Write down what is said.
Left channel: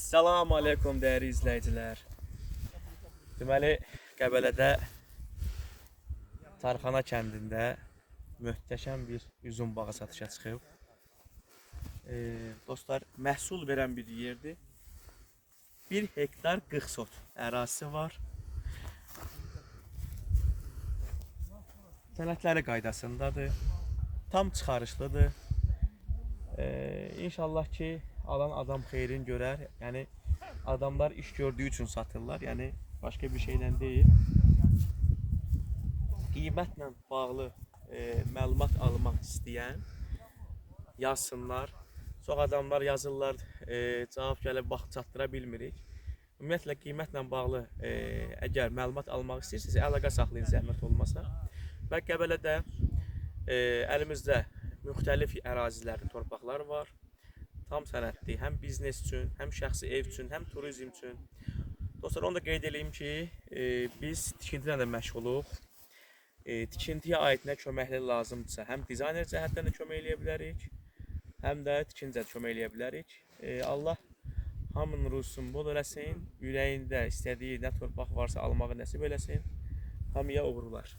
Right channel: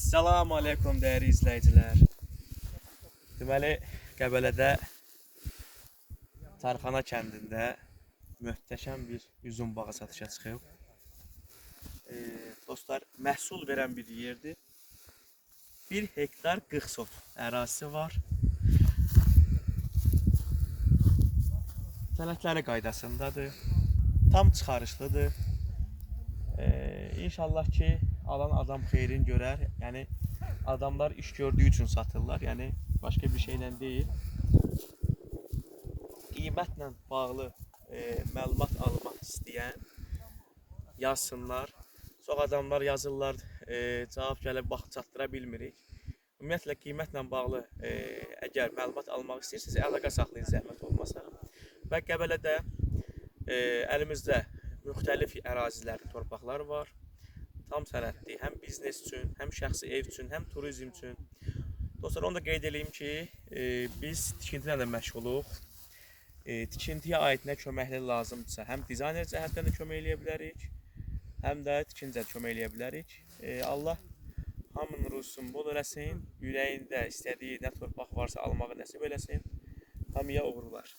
Assalamu alaikum değerli izleyiciler. Deməli, Qəbələdə Tarxana kəndində möhtəşəm bir üzüm bağı satışa çıxıb. Dostlar, məhsul verən bir yerdir. 1 hektar 40 sot ərazisi var. Sənədləri qaydasındadır. Tam çıxarışlıdır. İnşallah ki, alan adam xeyrin görər. Yəni adamlar iş gördüyü üçün satırlar. Yəni başqa bir şeylə deyil. Qiymətlə bağlı məlumat almaq istəyən yazsınlar. Çox adamlar yazırlar, cavab gəlib vaxt çatdıra bilmirik. Ümumiyyətlə qiymətlə bağlı əgər məlumat almaq istəyirsinizsə əlaqə saxlayın zəhmət olmasa. Və Qəbələdə əlimizdə müxtəlif ərazilərdə torpaqlar var. Tam sənədli, həm biznes üçün, həm şəxsi ev üçün, həm turizm üçün. Dostlar, onu da qeyd edeyim ki, biz tikinti ilə də məşğuluq. Tikintiyə aid nə köməkli lazımdırsa, həm dizayner cəhətdən də kömək eləyə bilərik, həm də tikincə kömək eləyə bilərik. Allah hamının ruzusunu bol eləsin, ürəyində istədiyi nə torpaq varsa almağı nəsib eləsin. Hamıya uğurlar.